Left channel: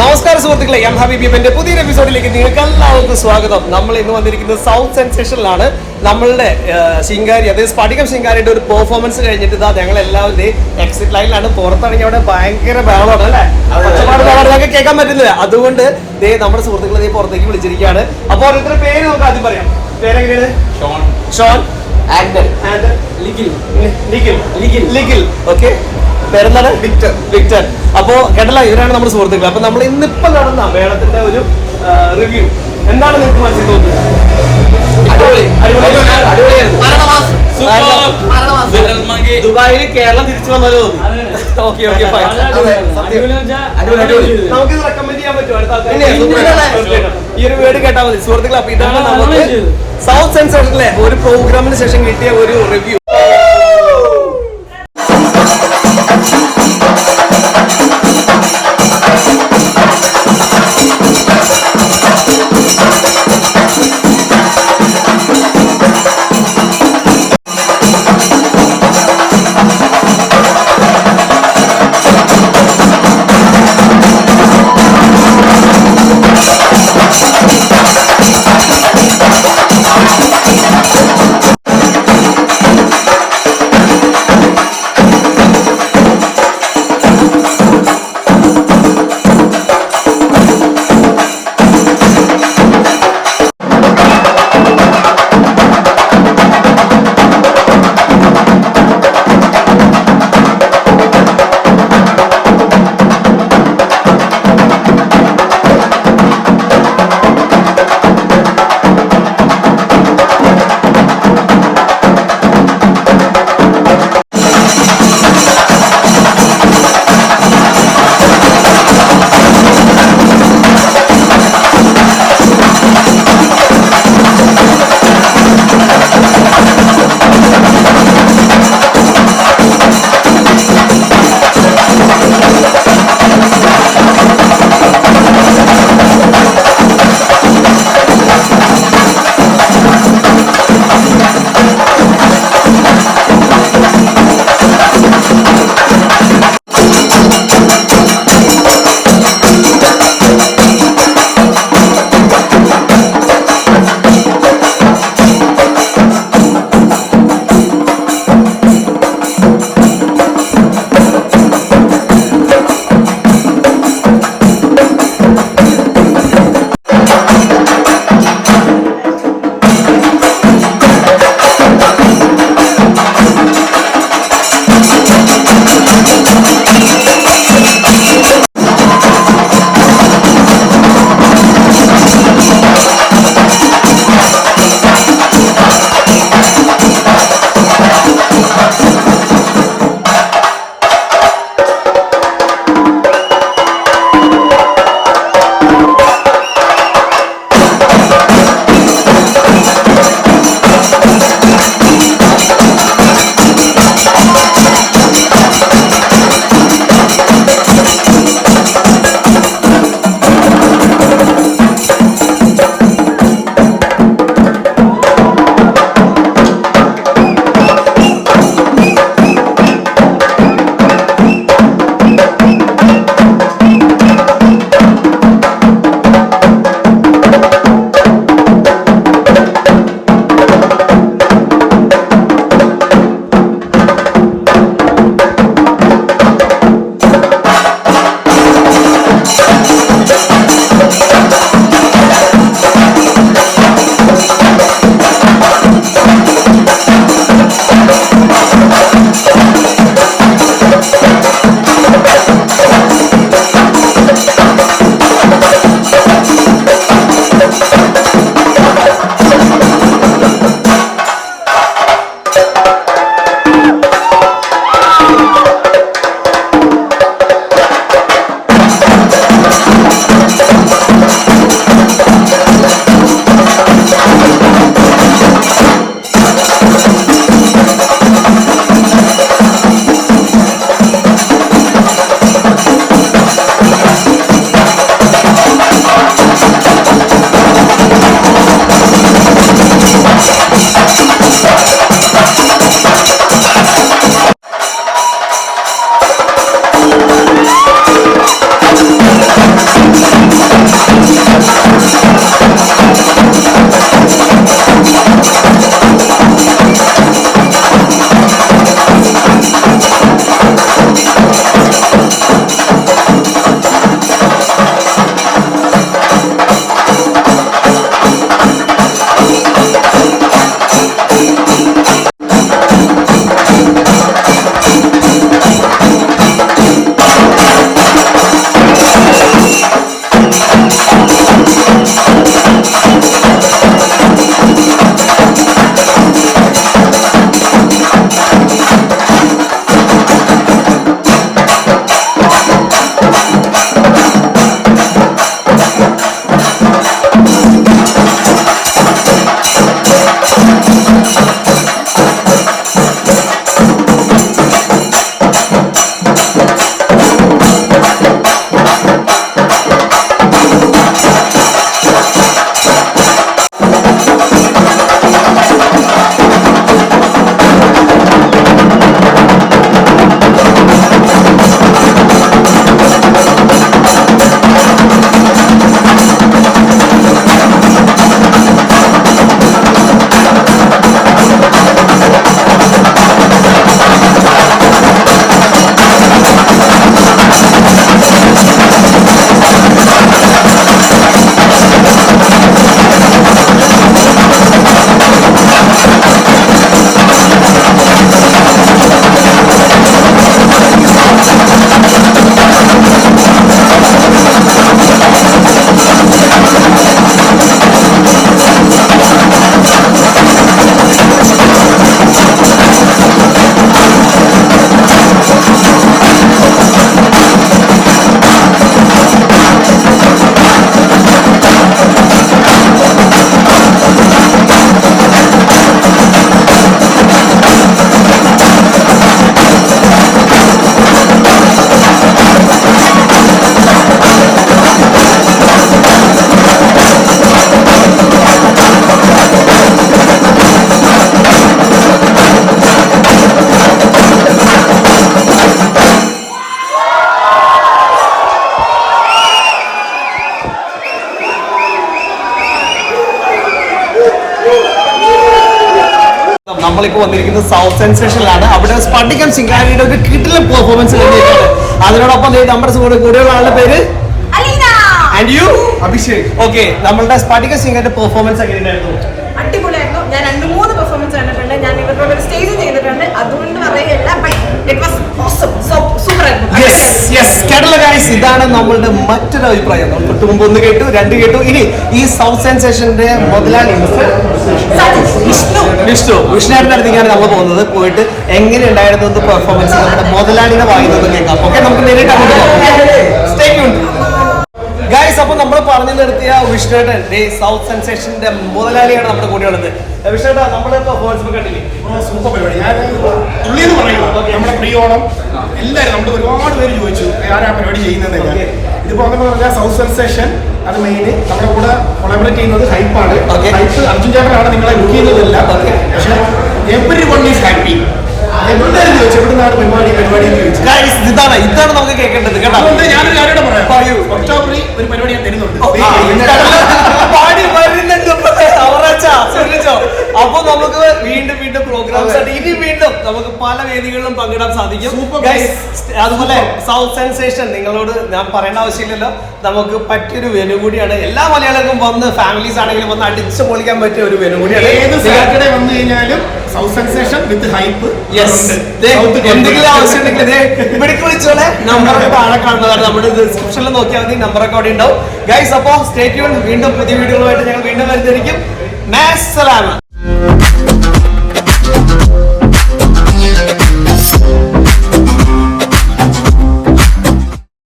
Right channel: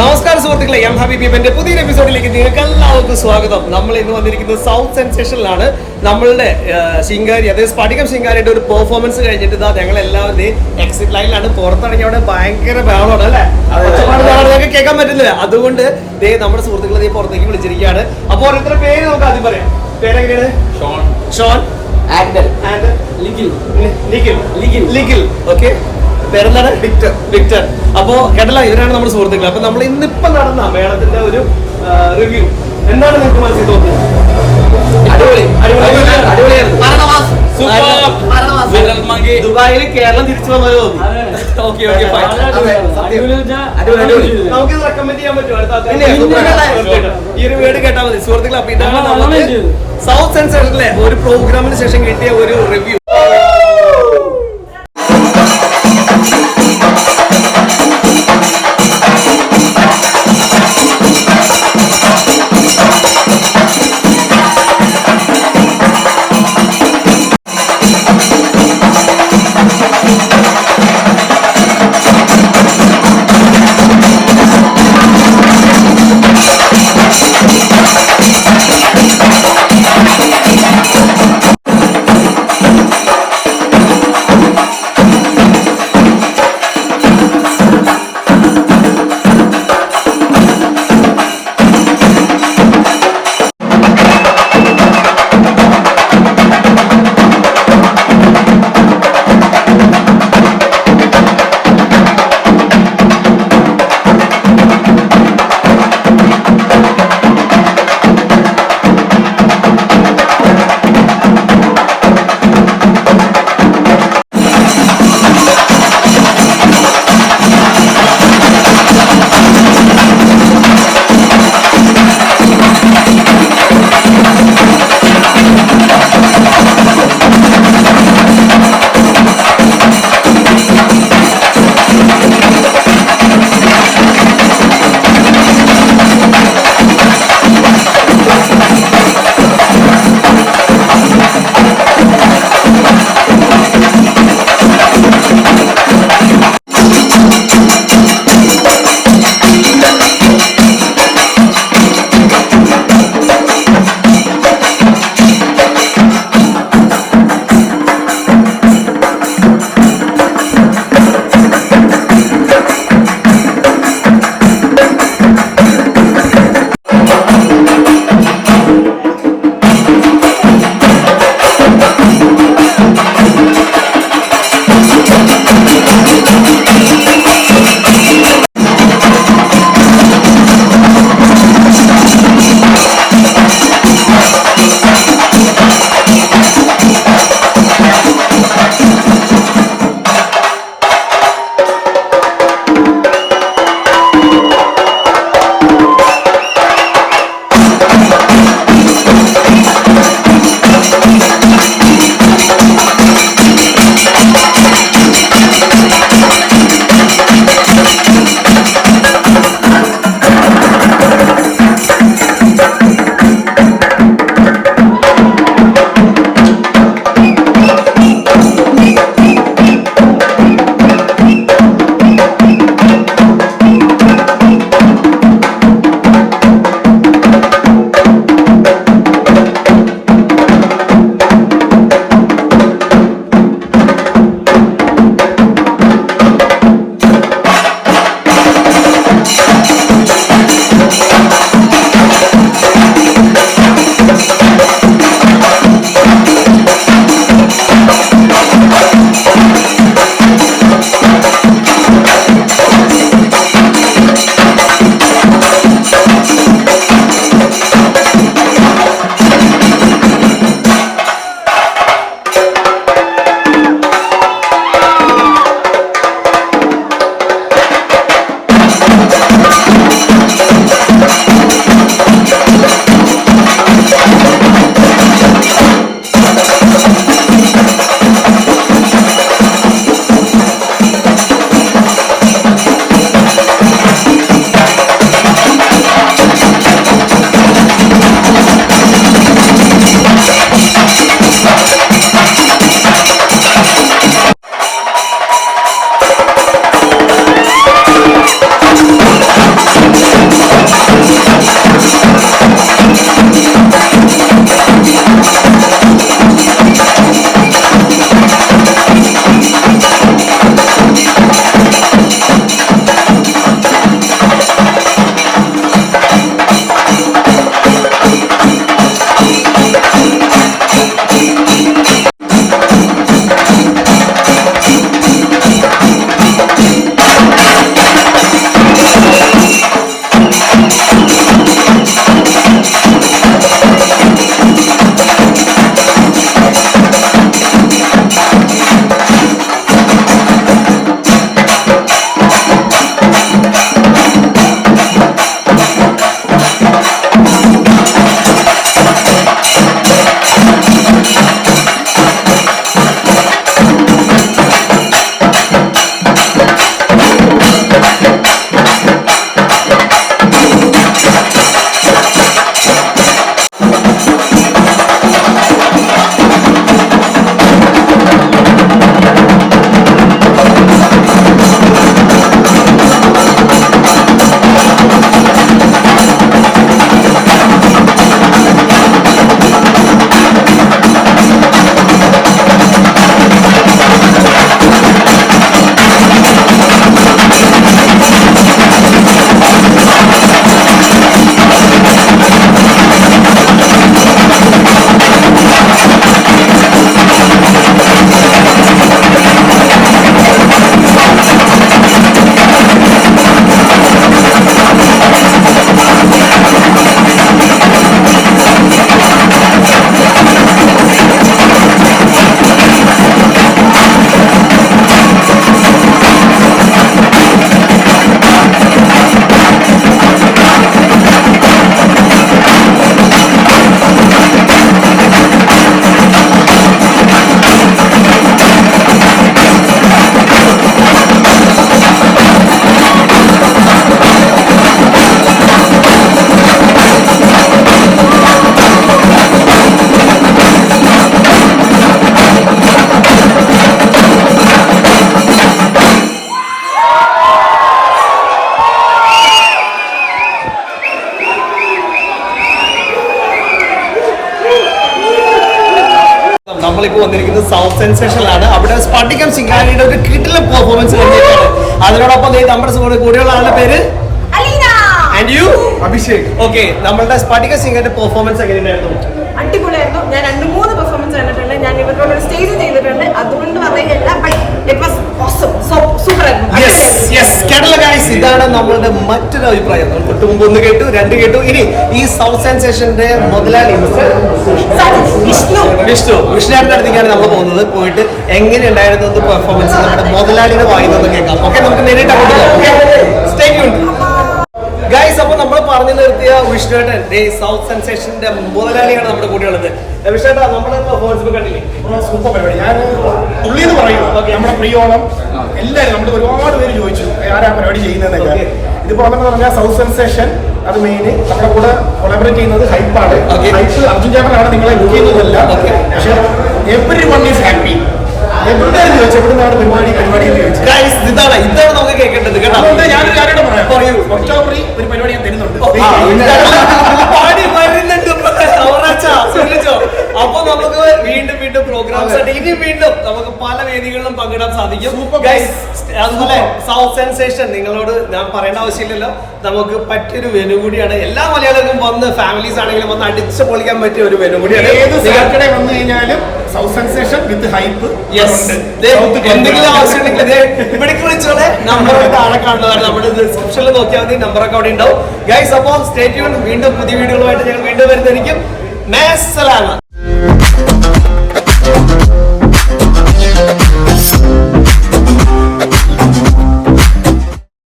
നമസ്കാരം സുഹൃത്തുക്കളെ, എം ഹബീബിന്റെ പുതിയൊരു എപ്പിസോഡിലേക്ക് നിങ്ങൾക്ക് എല്ലാവർക്കും സ്വാഗതം. നമ്മൾ ഇന്ന് വന്നിരിക്കുന്നത് സൗത്ത് സെൻസേഷനിലാണ്. നമ്മളുടെ ശിങ്കാരി, അതായത് സ്ഫടികം ശിങ്കാരിയുടെ ഒരു പെർഫോമൻസ് കഴിഞ്ഞിട്ട് ഇതാ ഞങ്ങൾ എല്ലാവരും എക്സിറ്റ് ലൈനിലാണ്. പുറത്തിറങ്ങി അവിടെ ഭയങ്കര ബഹളമാണ് അല്ലേ, ഞങ്ങൾക്ക് കേൾക്കാൻ പറ്റുന്നില്ല. അതുകൊണ്ട് നമ്മുടെ സുഹൃത്തുക്കളെ പുറത്തേക്ക് വിളിച്ചിരിക്കുകയാണ്. അപ്പൊ ഓരോരുത്തരുടെ പേര് നമുക്ക് ആദ്യം പറയാം. പേരെങ്ങനെയാണ്? Shaun, Likhil, okay. പേരെന്താണ്? വിക്ടർ. അപ്പോ കേട്ടല്ലോ, ഇവരാണ് നമ്മുടെ സുഹൃത്തുക്കൾ. അപ്പൊ നമ്മൾ ഇന്നിപ്പോ നടന്ന മേളത്തിന്റെ ഒരു റിവ്യൂ എന്താണ് നിങ്ങൾക്ക് മനസ്സിൽ തോന്നുന്നത്? ദുബായിൽ കേരളം തിരിച്ചു വന്നത് തോന്നുന്നു. നമുക്ക് റെക്കമെൻഡ് ചെയ്യാൻ പറ്റുമോ അടുത്ത ഈ ഒരു വേർഡ് കേട്ടാൽ മതി സുഹൃത്തുക്കൾ. അപ്പൊ ഇതാണ് നമുക്ക് സൗത്ത് സെൻസറിലെ ഒരു പ്രോഗ്രാമിന് ശേഷം കിട്ടിയ ഒരു റിവ്യൂ. നമ്മളിപ്പോൾ വന്നിരിക്കുന്നത് സൗത്ത് സെൻസേഷനിലാണ്. അവിടെ സ്പടികം ശിങ്കാരിയുടെ ഒരു കിടിലൻ പെർഫോമൻസ് കഴിഞ്ഞിട്ടാണ്. അതിനോടൊപ്പം നമ്മുടെ കൂടെയുള്ള ആളുടെ പേര് ആൻഡ് യു അഭിഷേക്. ഓക്കെ, നമ്മളുടെ സ്പടിക ശിങ്കാരിയുടെ പെർഫോമൻസ് എങ്ങനെയുണ്ടായിരുന്നു? അടിപൊളിയായിരുന്നു. ഞാൻ 2-3 പെർഫോമൻസ് കണ്ടിട്ടുണ്ട്. ഞാൻ ഇവരുടെ ഒരു സ്റ്റേജ് ചെയ്തിട്ടുണ്ട്. അതുകൊണ്ട് പറയുകയല്ല, കേട്ടല്ലോ ഗൈസ്, ഇതാണ് നമ്മളുടെ മറ്റൊരു അഭിപ്രായം. നമ്മൾ തൊട്ട് മുമ്പ് 1 കേട്ടു, 2 കേട്ടു. ഇനി ഈ സൗത്ത് സെൻസേഷന്റെ മുതലാളി വിഷ്ണുവിന്റെ അടുത്തേക്കാണ് നമ്മൾ പോകുന്നത്. പോയിട്ട് എങ്ങനെയുണ്ടായിരുന്നു പെർഫോമൻസ് നമ്മുടെ മുതലാളിയുടെ വായിന്ന് കേൾക്കാം. ഓക്കെ, നമുക്ക് നേരിട്ട് അങ്ങോട്ട് പോകാം. Stay tuned guys. അപ്പൊ നമ്മൾ പറഞ്ഞു നിർത്തിയ വിഷ്ണുവേട്ടൻ സൗത്ത് സെൻസേഷന്റെ മുതലാളിയാണ് നമ്മുടെ കൂടെയുള്ളത്. വിഷ്ണുവേട്ടാ, നമ്മുടെ പെർഫോമൻസ് കണ്ടില്ലേ? സൂപ്പർ പരിപാടി. ഞാൻ പുള്ളി എന്ന് പറയും നമ്മുടെ പ്രിയോണം എല്ലാവരും നമ്മുടെ ഒരുപാട് പേര് ചോദിച്ചു ആരാ പരിപാടി ചെയ്യുന്നതെന്നൊക്കെ. ഇതിപ്പോ എന്ന് പറഞ്ഞാൽ സൗത്ത് സെൻസേഷൻ അത് മെയിൻ നമ്മുടെ കൂടെ കൊളാബറേറ്റ് ചെയ്യുന്നത് ഹൈപ്പാണ്. ഹൈപ്പ് അർജുൻ ചേട്ടനാണ് നിങ്ങളെ ബുക്ക് ചെയ്യുന്നതല്ല. പക്ഷെ എവരി വൺ ഈസ് ഹാപ്പി. എല്ലാവരും ചോദിച്ചു എവിടുന്നാണ് പരിപാടി ചോദിച്ചു. ഇതാണ് നമുക്ക് കേൾക്കേണ്ടത് കേട്ടോ. അതുകൊണ്ട് ഞാനൊരു കാര്യം പറയാം. പറയൂ. ഒക്ടോബറിൽ ഒരു പരിപാടി ഞാൻ തരുന്നുണ്ട്. അപ്പൊ നമുക്ക് വീണ്ടും പ്രോഗ്രാംസ് ആയിട്ട് ഇനി വീണ്ടും നമുക്ക് പല വേദികളിലും പങ്കിടാൻ സാധിക്കും. അതുപോലെ സൗത്ത് സെൻസേഷൻ നിങ്ങളോട് ഞാൻ പറയേണ്ട ആവശ്യമില്ലല്ലോ, നമുക്ക് പറ്റിയൊരു വെനു കൂടിയാണ്. എല്ലാ മലയാളികൾക്കും വന്ന് ഫാമിലീസ് ആണെങ്കിലും വന്ന് അടിച്ചു പൊളിക്കാൻ പറ്റിയ ഒരു വെനു കൂടിയാണ്. ഏത് സാറ്റർഡേ വന്നു കഴിഞ്ഞാലും സൗത്ത് സെൻസേഷൻ വിത്ത് ഹൈപ്പ്. എന്തെങ്കിലും ആവശ്യം ഉണ്ടെങ്കിൽ ഇവിടേക്ക് വിളിച്ചോളെ. നമ്പറൊക്കെ താഴെ കാണുന്നതാണ്, നമ്മുടെ ഡിസ്ക്രിപ്ഷനിൽ നോക്കിയാൽ മതി. നമ്പറൊക്കെ അവിടെ ഉണ്ടാവും ഗൈസ്. അപ്പോൾ സ്റ്റേ ട്യൂൺ. വീണ്ടും പുതിയ വീഡിയോകളുമായിട്ട് ഞങ്ങൾ വീണ്ടും വരുന്നതായിരിക്കും. മാസ്സലാമ.